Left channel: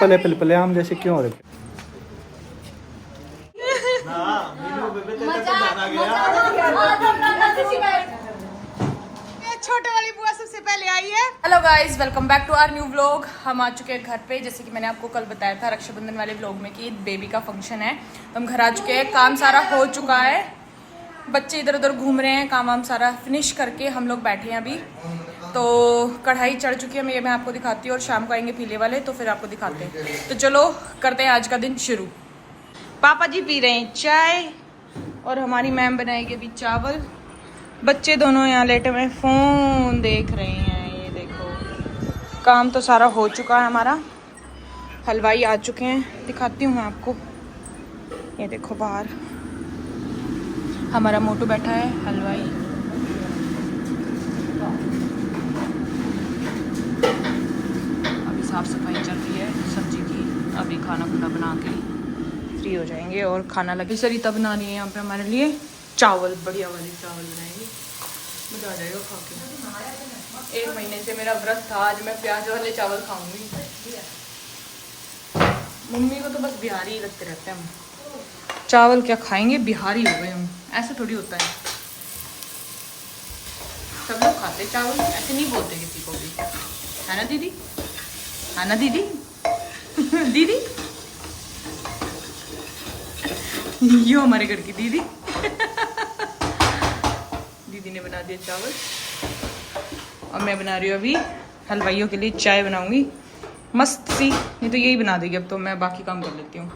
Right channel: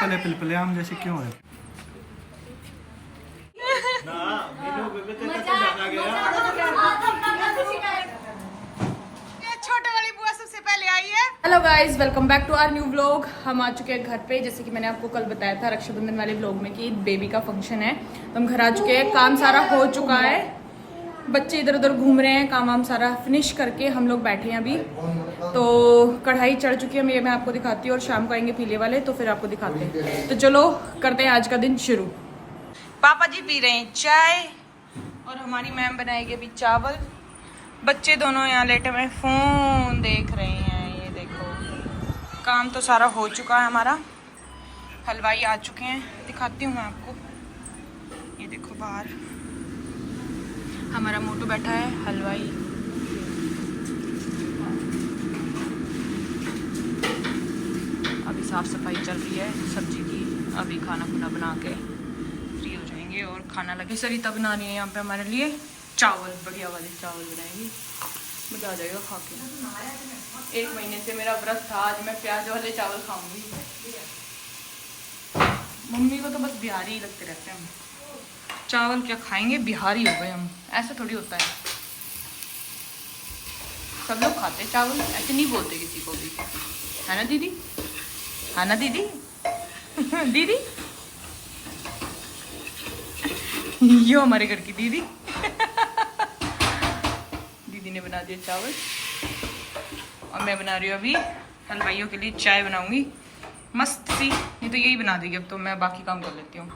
पले पिलपले आम जैसे क्यों हो रहे थे? छोटे वाली बुआ सबसे पहले आई है। Hello guys, welcome back to our new vlog. हम आ चुके हैं घर पे। जैसे कि मैंने आपको कल बताया था रक्षाबंधन वाले व्लॉग में कि बेबी का फंक्शन है, तो हम घर आ चुके हैं। काम सारा हो चुका है, बच्चे इधर उधर घूम रहे हैं। काम सारा फिनिश करके हम लोग बैठे हैं अभी। तो कढ़ाई चढ़ चुकी है, मैं आपको दिखाती हूँ, और शाम को आएंगे पीले वाले तो फिर आपको दिखाते हैं। तो चलो करते हैं आज का दिन शुरू। पापा जी पी रहे हैं चाय और हमारी मैम बनाएगी अभी चावल। बच्चे दोनों यहाँ लेटे हुए फोन देख रहे हैं। ये देखो, काम तो सारा हो चुका है हमारा। हलवाई आ चुके हैं, दिखाती हूँ मैं आपको। ये देखो बाहर हमारा मोटू बैठा है, हलवाई। अभी साफ सफाई चल रही है सब्जी की। अभी खाना खुना बना के फ्री हो जाएंगे और खाना लगे। सरिता बना रही है यहाँ पे हमारे लिए चावल, बढ़िया वाले चावल बनाएगी, मजा आ जाएगा खा के। 1 महीने से मेरा व्रत था, आज मैं प्याज वाले चावल खाऊंगी। मम्मी को तो बस बिहारी ही लगते रहते हैं। हम चावल क्या खाएंगे, बिहारी हो गए हम। ऐसा थोड़ी होता है, सब लोग खाते चावल, ऐसे नहीं बोलते किसी को भी, है ना दीदी? है ना दीदी? दीदी यो हमारे घर की दीदी। दीदी ने बना दिया चावल और मैं बना रही हूँ अभी हलवाइयों के लिए चाय बनाऊंगी मस्त सी। नहीं तो यही बना देगी, अब तो मैं बाकी काम कर लेती हूँ।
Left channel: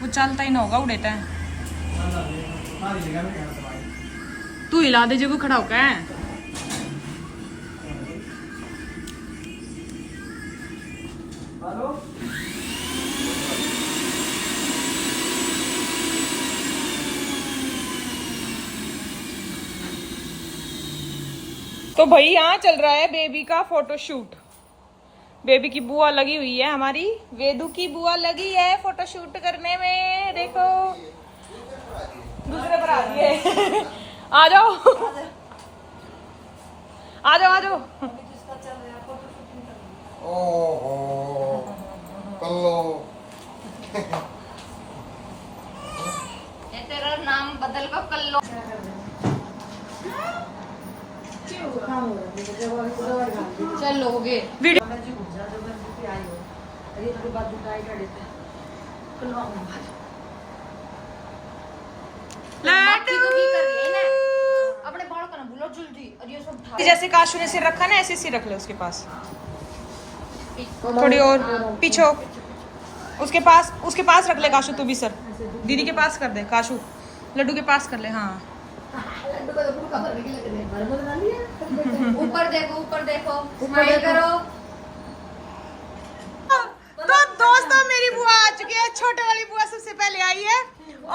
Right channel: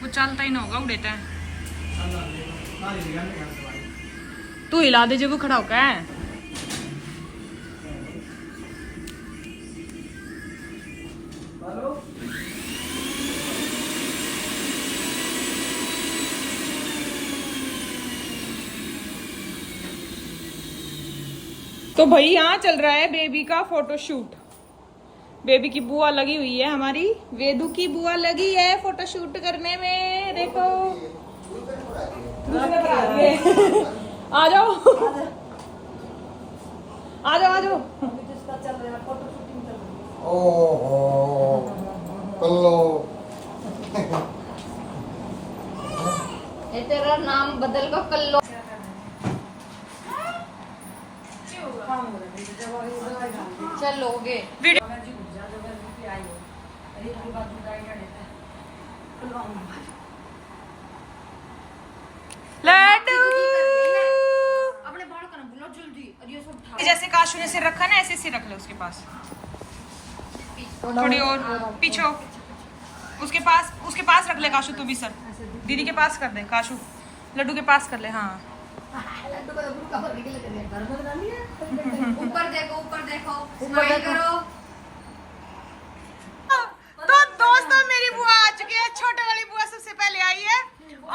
वो चलता ही ना होगा, उड़ेता है। तू हिला दे जो खड़ा होकर है। तो भाई यहाँ चल रहा है बेबी का फोटोशूट। बेबी की बुआ लगी हुई है, हमारी वेदू की बुआ लगी है फोटोशूट करने में। देखो आ जाओ आ जाओ आ जाओ। ये तेरा नाम बदल कर कल्लो। चलोगे वीडियो अपने बाल को ना भूलो जल्दी। और ये सब जैसे काशू ने सिर रखा ना, ऐसे सिर रख लो उसके पास, थोड़ी और पीछे हो। उसके पास रख ले काशू, तू भी सर दीदी के पास कर दे। काशू लड्डू के पास कर ले। हाँ ऊपर देखो स्माइल करो। तो दोस्तों मेरी बुआ आ चुकी है। छोटे वाली बुआ सबसे पहले आई है,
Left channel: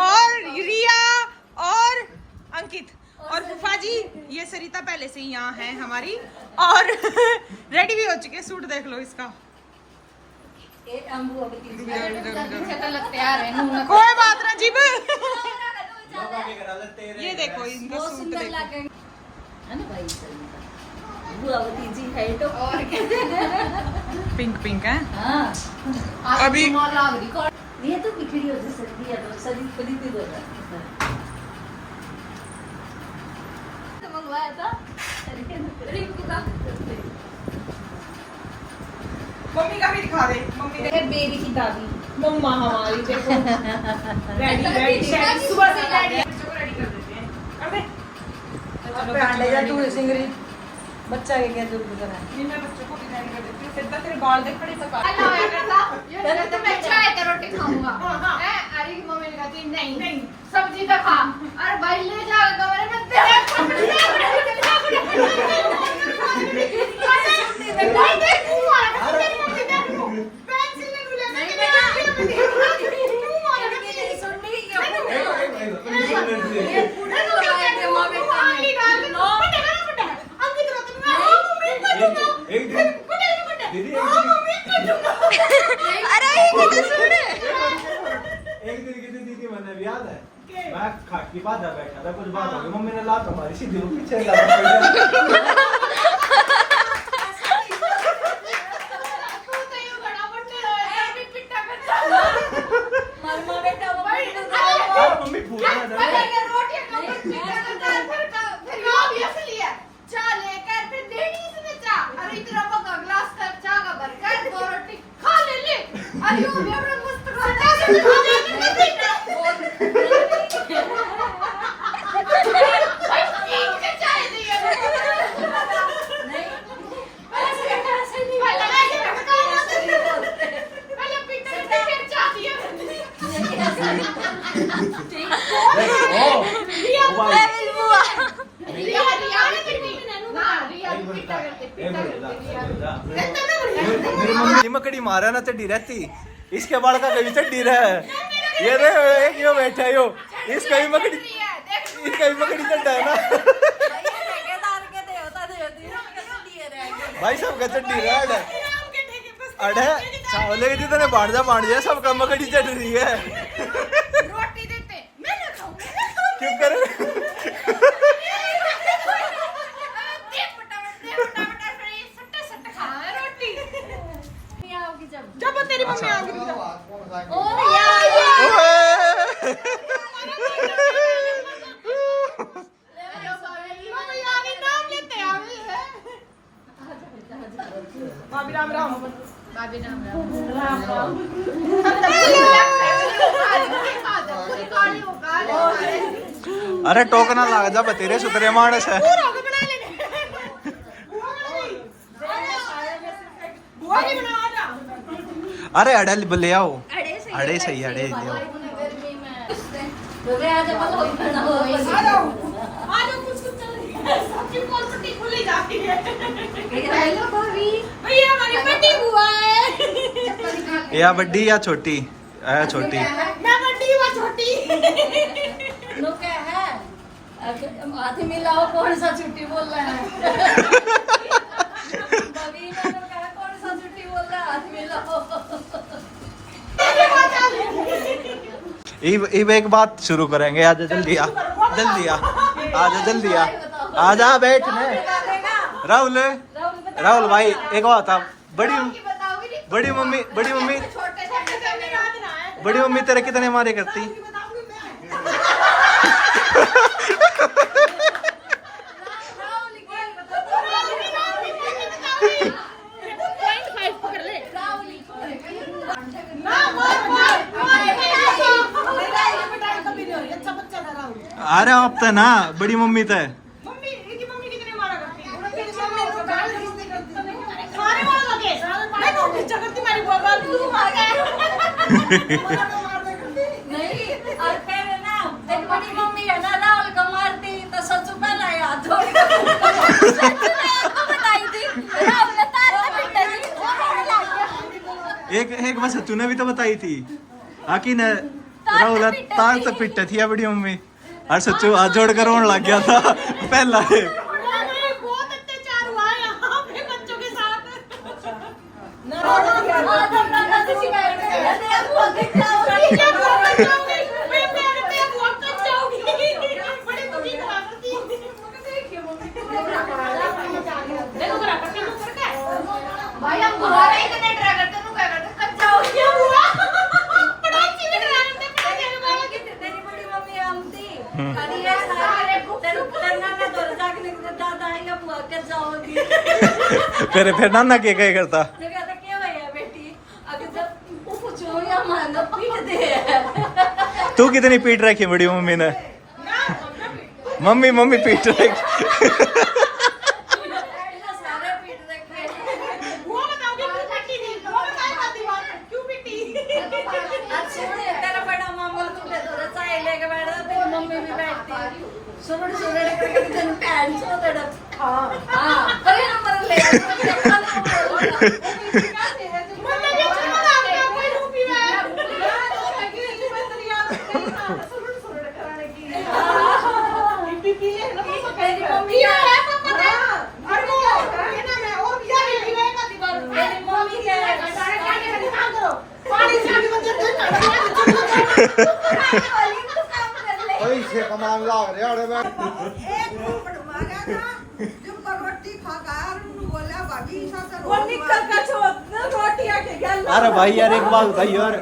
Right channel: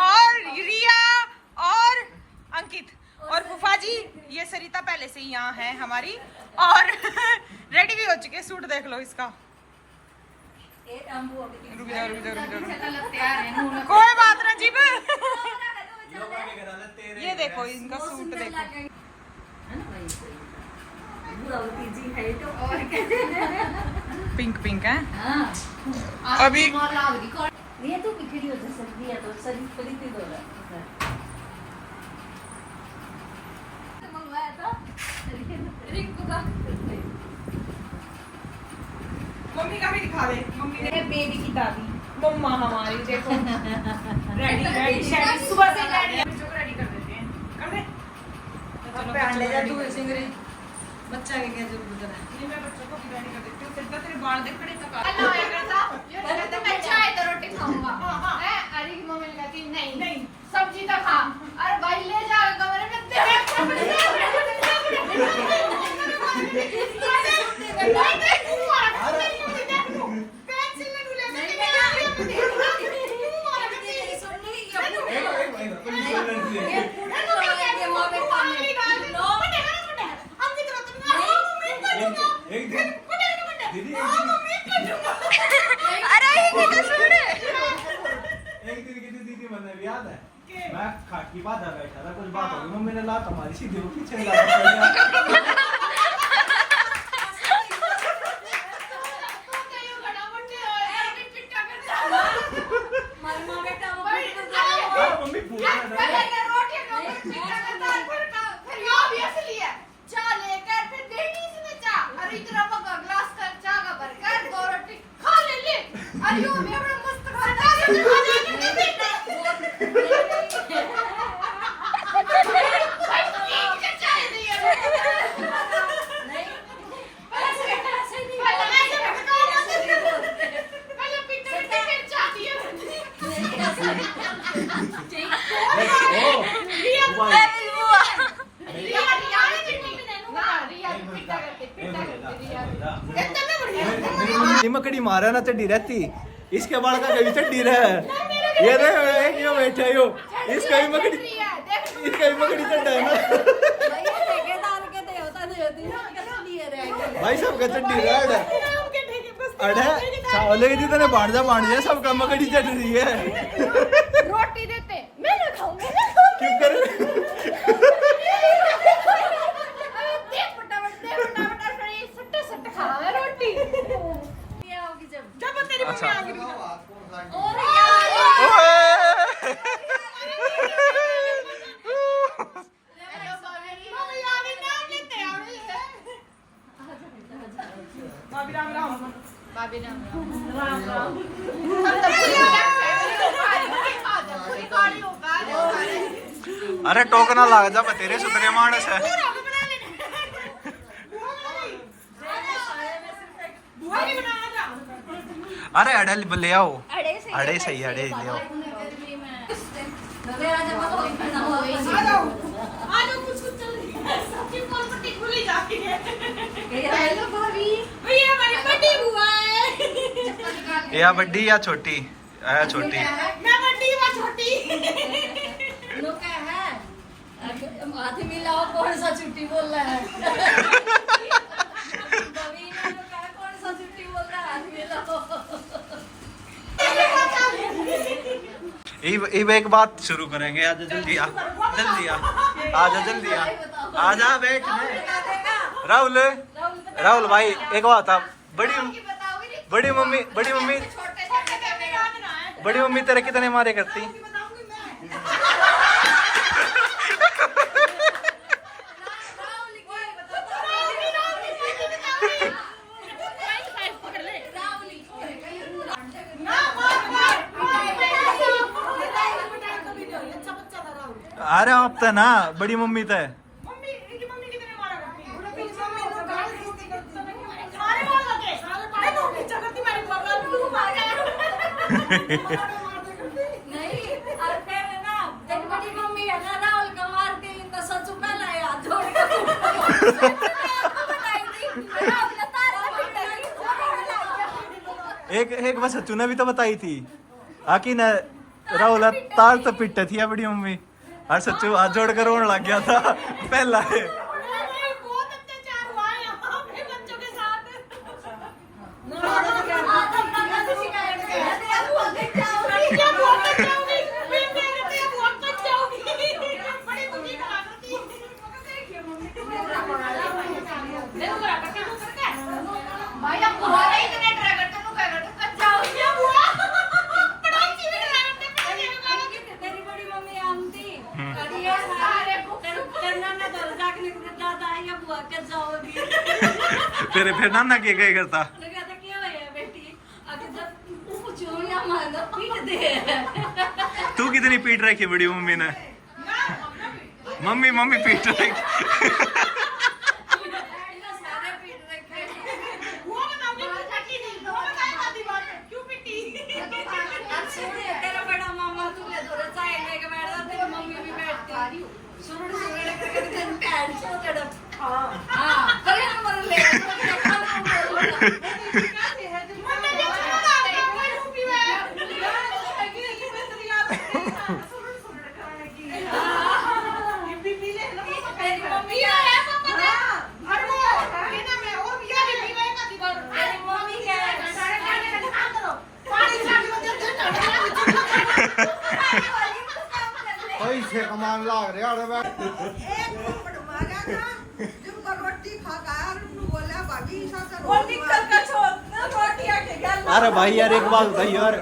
और रिया और अंकित और फूफा जी। ये सरिता पहले से ही यहाँ है हमारी, और रेडी भी हो चुकी है। सूट देख लो इसका। कोई बात ना जीब। ये देखो इनका सूट देखो, पिंक पिंक है। अभी ये तो बिखरी हो सकती है, तो सरी खरीदी दो। मंगवाया था रिंकू का। मम्मी का भी दिखा दे। मम्मी ने बेबी की दादी मम्मा हमारी देखो रेडी सुबह से रेडी कर देते हैं। कर दे चलो पहले जा तू सिंगरी बच्चा के क्या दूध जरा मैं बच्चे को रेडी कर देती हूं। फिर तक तेरे बाल देख खड़े तक हेलो बेटा, ये तो मैं चाय तो रोटी खाऊंगा। है अरे मम्मी ने कहा नहीं नहीं सब्जी तो खा। अरे भाई ले जा कमरे में तेरे अरे एक दिन की दीदी मैंने भी याद है, मैं खाट की बात बैठा था, कुछ बात हो गई, मम्मी ने लात हमारी सीधी पीछे इतना पका ग्लास का चाय का भरकर 2 रोटी खा ले अरे वो भी बड़ा मस्त खाता है भाई तीन के चाय दिए नहीं ऐसे नहीं पहले आगे रखा पहले पीटर के फिर चाय दिए ठीक रिया मकड़ी मारा ना चड्डी रहती, इसके बाल का कभी चड्डी रहा ये रे एक यो बैठा यो इसका भी मकड़ी चड्डा है ना भाई सबका चड्डी रहा अड़े चावले के जितने बांट जा सबका मकड़ी चढ़ रही है रोटी देते मैं ना खाऊंगा क्यों करे अच्छा अरे टोकना लाग जा तेरे सुतरे मानस है अरे अड़े ले आओ अड़े सही अड़े ले आओ या बड्डी या छोटी छोटी मैं बड्डी या छोटी हाथ मिलाओ कौन सा छुट्टी बोल रहा है कौन सा छुट्टी बोल रहा है हाथ मिलाओ एक बात शुरू करेंगे आज जल्दी आ जा बैठ राहुल भाई एक बात था बड़ी मम्मी तेरे कितने मारे करती अरे अब तो ना बड़ी मम्मी तो नहीं और फिर ना तेरी बड़ी मम्मी है ना राहुल को मारती तो सचू का लाए हाथ जोड़ के बताई थी राहुल ने तार एक बार सच्चू ने भी तो बताई थी आकी ने राहुल तार तो पिट थी बड़ी मम्मी और सच्चू हाथ जोड़ कर रोने लग गया था पहला है बहुत अत्याचार हुआ है यहाँ पे बच्चों के साथ भाई अब तुम्हारे इतने डरा करते तू क्या करते कच्चा हो गया हुआ पढ़ाई से भी डरा करते पढ़ाई में बोला कि तेरी बड़ी मम्मी आमती अरे यार सारे तेरे ने तो जाके दादा आएगा बुआ के जाओगी तेरे फिर नाना क्या करता तो कहता क्या भैया बेटी अगर जब पूछो या मानो पीट दे तू कितनी पीट रखी बड़ी मम्मी ने मम्मी पीट रखी सारे पीट रखे वो बताओगे लड़की नहीं वो बताए का दीवार क्यों पिटी आज सुने तेरा बड़ा मामा तुझे थोड़ा चाय लेके बैठ जा तेरी मम्मी भी बैठती सुनो करके तेरे पैर सो तेरा हां पर नंबर ले पैसे कमाने लग रहे और मैं एक पोपट मारा था जब पर रोटी खा कर बोला भाभी साथ रोटी का रोटी आके गया अरे भाई यार एक बात बताइए यार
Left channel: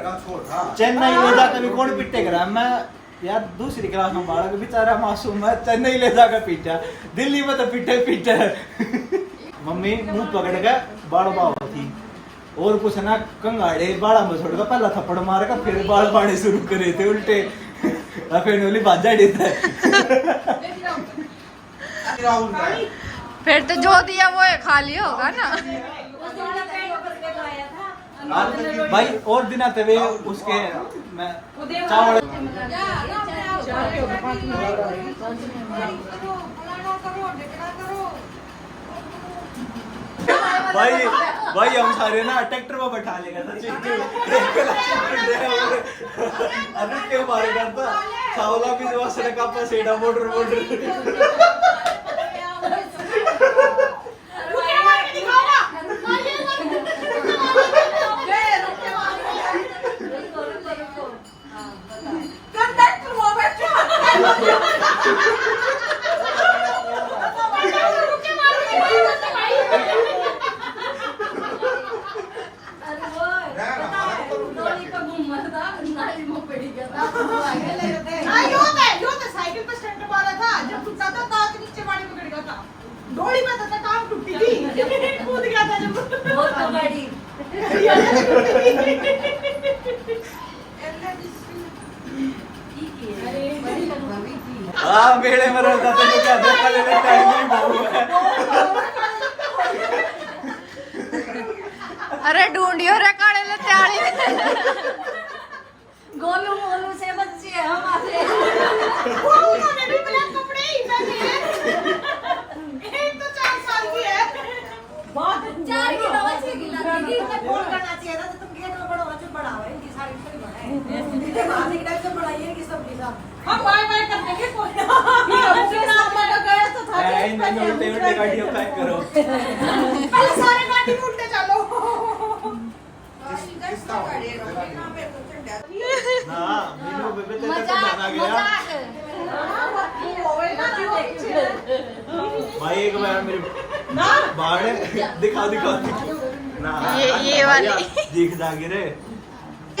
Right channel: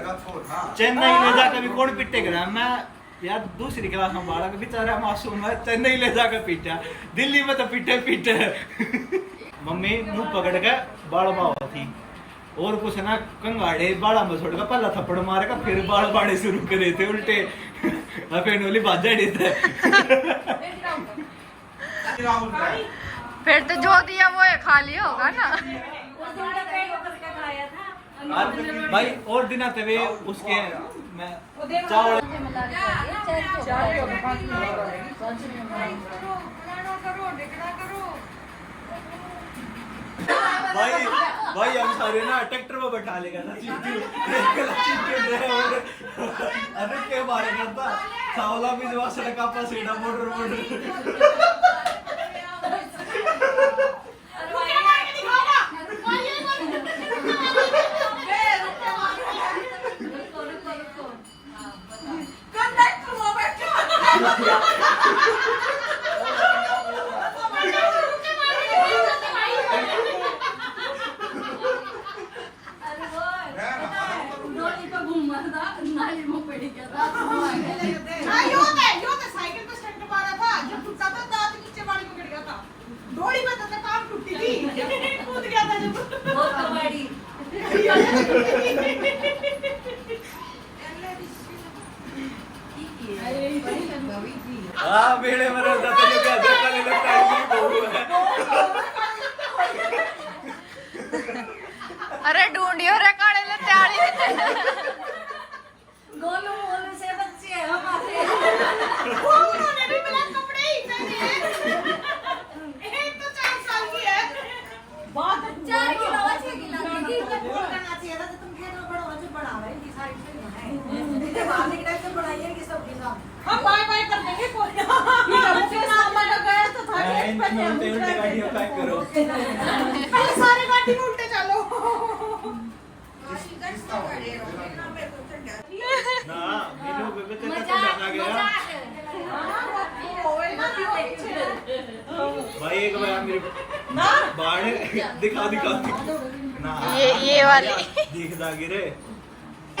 चेन्नई ले जाकर भी कौन पिटे करा मैं यार दूसरी क्लास में बालक बेचारा मासूम है चेन्नई ले जाकर पीटा दिल्ली में तो पीटे मम्मी मुंह पकड़ के बाल बावा थी और कुछ ना कंगाड़े बाड़ा में छोड़ कर पहला थप्पड़ मार कर फिर बाल बाड़े शुरू करे थे उल्टे फिर नूली बाजा देता फिर तो जो दिया वो है खा लिया होगा ना। भाई और दिन आते हुए उसके मैं चावल भाई हम सारे ना ट्रैक्टर में बैठा लेगा अभी के बारे करता सावला भी जो सड़क पर सेड़ा मोटर बेड़े में रहता था जो क्या देखा अरे ढूंढियो रे काले ले त्याली गोलू मोलू से बच्चे हैं हमारे। उन्होंने भी मेरे कपड़े ही पहने हैं। एक तो 4 साल की है। बहुत 4 किलो 6 किलो की फोन करना चाहिए था तो तुम खेत में बड़ा बच्चे बढ़ाओ इनकी सारी सही बनाए मारने के टाइम तो बढ़ाइए इनकी सबके साथ हम बाय बाय कर देंगे कोई ना। गए तो था उल्टे गाड़ियों का करो पहले सारे गाड़ी में उल्टे चलो। हां मेनू बेबे तो जाना गया भाई एक बार मेरे बाढ़ दिखा ना ये वाली दिख जागी रे।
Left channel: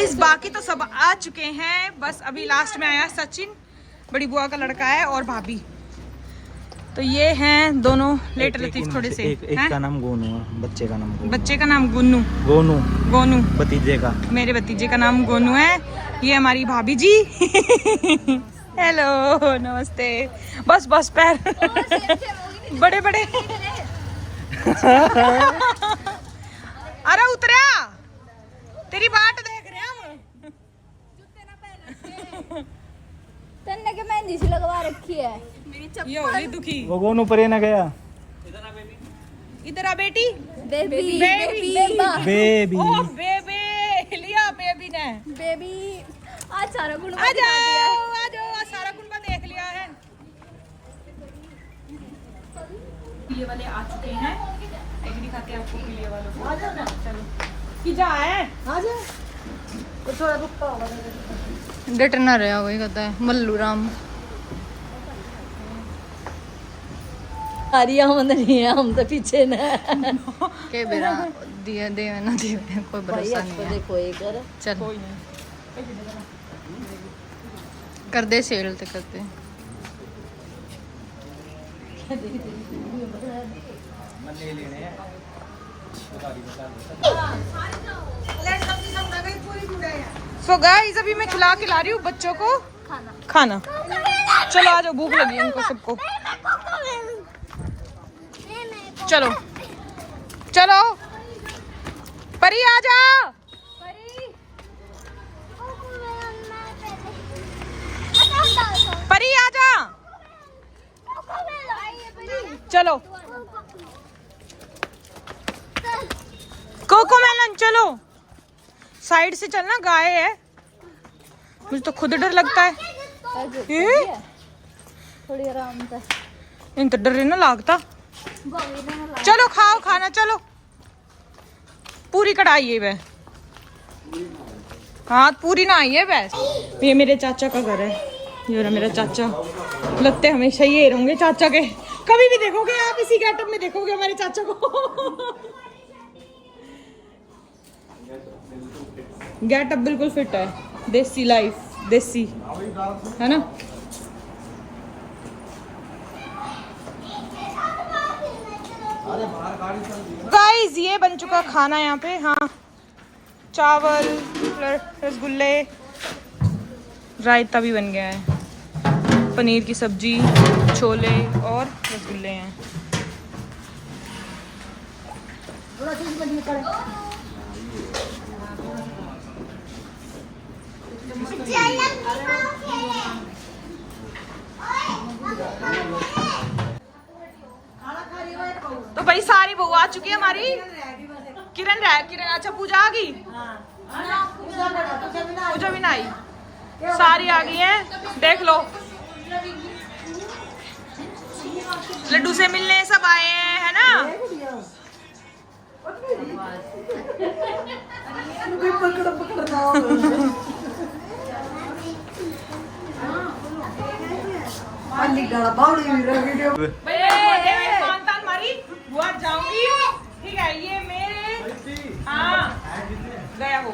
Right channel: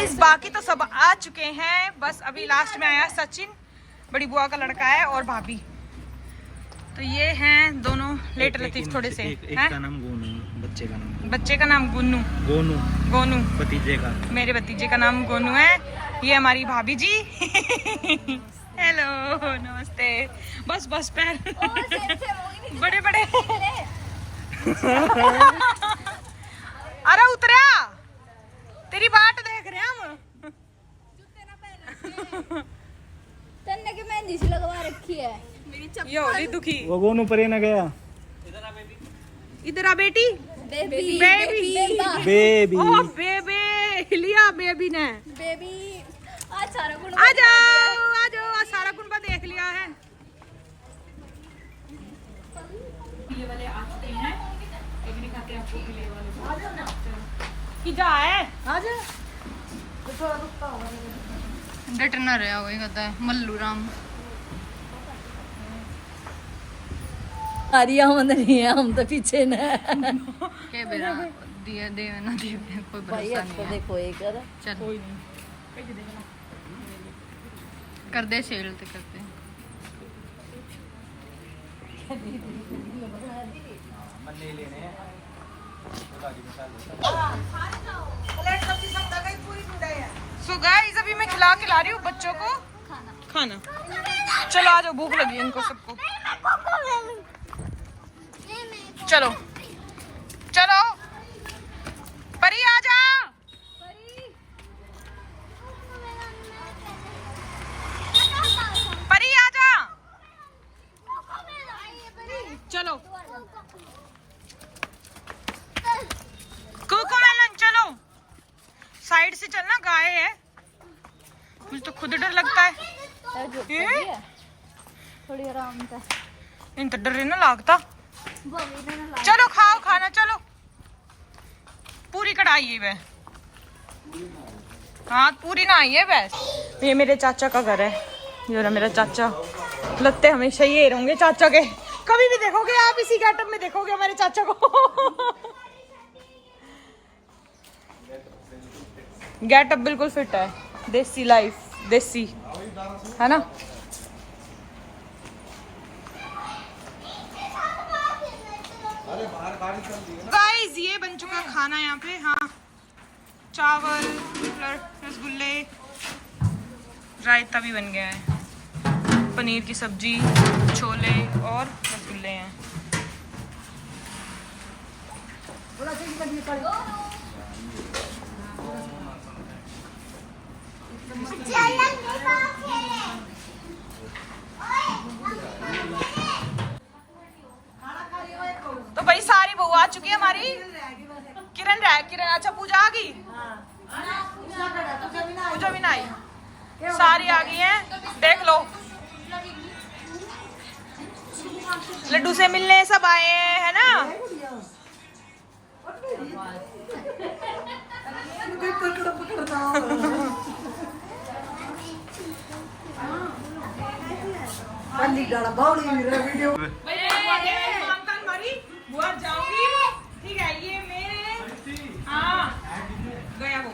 इस बाकी तो सब आ चुके हैं, बस अभी लास्ट में आया सचिन, बड़ी बुआ का लड़का है और भाभी। तो ये हैं दोनों लेट लतीफ थोड़े से। एक का नाम गोनू है, बच्चे का नाम बच्चे का नाम गुन्नू। गोनू गोनू भतीजे का। मेरे भतीजे का नाम गोनू है। ये हमारी भाभी जी। हेलो नमस्ते। बस बस पैर बड़े बड़े। अरे उतरा तेरी बाट देख रहे हम। तन्ने के मेहंदी सी लगवा रखी है। ये होली दुखी। वो गोनू परे ना गया। इधर आ बेटी। बेबी बेबी ओ बेबी लिया बेबी ने। बेबी आज सारा गुण आ जाओ सारा कुंबा देख लिया है। पीले वाले आ चुके हैं। एक दिखाते हैं आपको पीले वालों को। आ जाओ ना चलो कि जा है आ जा। वो थोड़ा रुकता होगा डट ना रहा वही कहता है मल्लू राम। हरिया हम नहीं है, हम तो पीछे न के बेरा दिया दे ना दे कोई भरोसा नहीं है। देखो ये कर चल कर दे सेल तो करते। सो गाइस अभी मैं खिला रही हूँ बच्चों को खाना। चलो आ जाओ, भूख लगी है इनको सबको। चलो चलो परी आ जा। परी आ जा। चलो कोको मेलन चलो साइड से चलना, गाय है। मुझे तो खुद डर लगता है। थोड़ी आराम से इन तो डर ना लगता। चलो खाओ खाना चलो। पूरी कढ़ाई है वह। हाँ पूरी ना आई है वैस। ये मेरे चाचा का घर है। ये रहा मेरा चाचा। लगते हमेशा ये रहेंगे चाचा के। कभी भी देखोगे आप इसी गेटअप में देखोगे हमारे चाचा को। गेटअप बिल्कुल फिट है। देसी लाइफ देसी है ना। ये बन चुका खाना यहाँ पे। हाँ, चावल, रसगुल्ले, रायता भी बन गया है, पनीर की सब्जी, छोले और रसगुल्ले हैं। तो भाई सारी बहू आ चुकी है हमारी। किरण अच्छा पूजा आ गई, पूजा भी ना आई, सारी आ गई है। देख लो, लड्डू से मिलने सब आए हैं, है ना। जाऊंगी, ठीक है, ये मेरे, हाँ गया वो,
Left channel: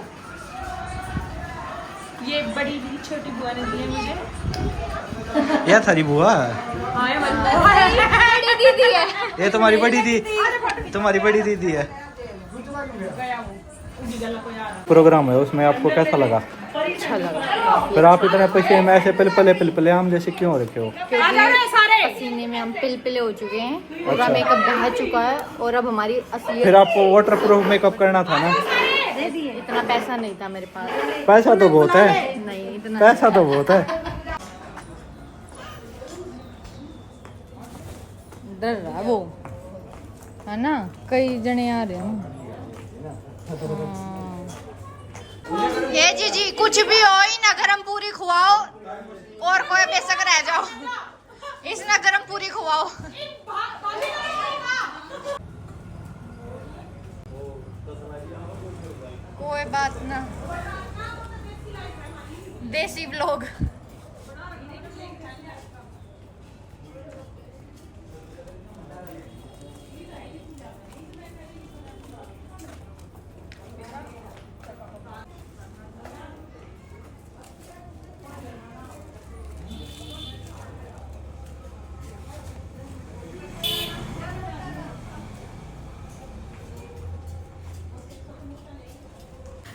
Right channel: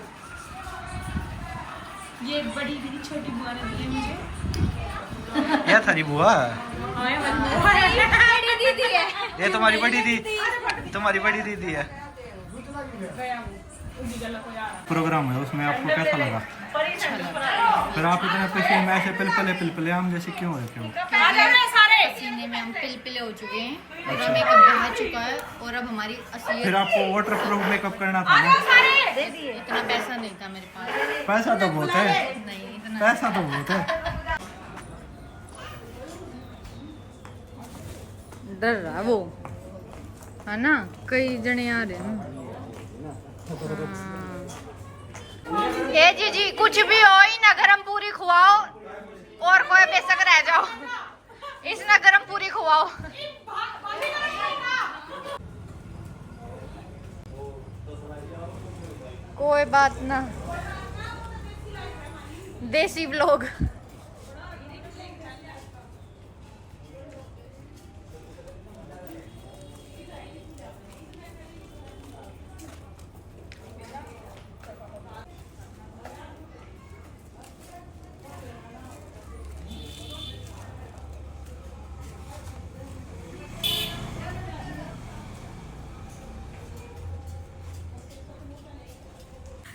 ये बड़ी दीदी छोटी बुआ ने दिए मुझे। क्या थारी बुआ? दीदी है ये तुम्हारी बड़ी दीदी, तुम्हारी बड़ी दीदी है। प्रोग्राम है उसमें आपको कैसा लगा? फिर आप इतने पैसे में ऐसे पिलपले हम जैसे क्यों रखे हो? पसीने में हम पिलपिले हो चुके हैं, पूरा मेकअप बहा चुका है और अब हमारी असली। फिर आपको वाटर प्रूफ मेकअप करना था ना। दे दिए, इतना पैसा नहीं था मेरे पास। पैसा तो बहुत है, नहीं इतना पैसा तो बहुत है। डर रहा वो, है ना, कई जने आ रहे हैं। ये जी कुछ भी हो ही ना, गरम पूरी खुआओ और कोई बेशक रह जाओ, इस ना गरम पूरी खुआओ। कोई बात ना, देसी व्लॉग।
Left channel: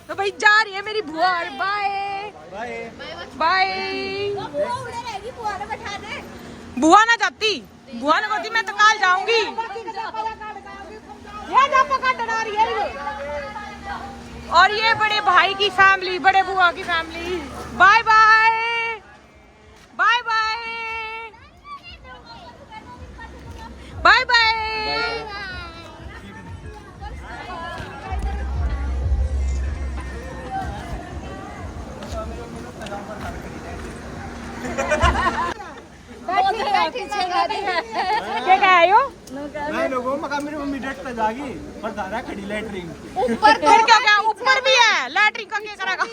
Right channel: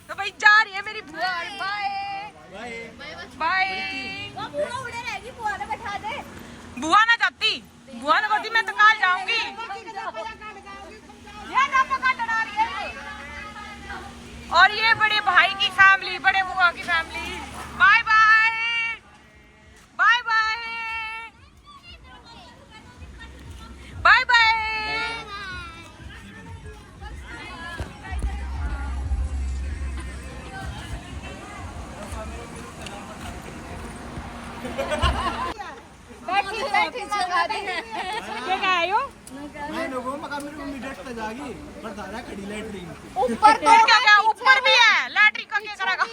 तो भाई जा रही है मेरी बुआ, बाय बाय। बुआ ना जाती, बुआ ना कहती मैं तो कल जाऊंगी। और ये बड़े भाई की फैमिली, बड़े बुआ की family, bye bye bye bye bye bye. क्या कह रही हो? मैं लोगों मका मेरी मम्मी डेट पे जागी और धारा खड़ी लैटरिन। फिर क्या क्या ऊपर भी है लैटरिन का, क्या करेगा?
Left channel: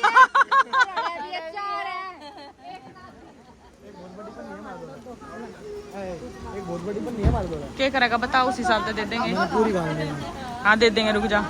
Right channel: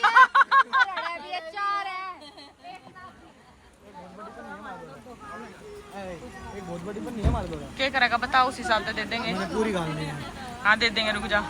क्या करेगा बताओ, उस हिसाब से दे देंगे। पूरी गाँव में हाँ दे देंगे, रुक जा।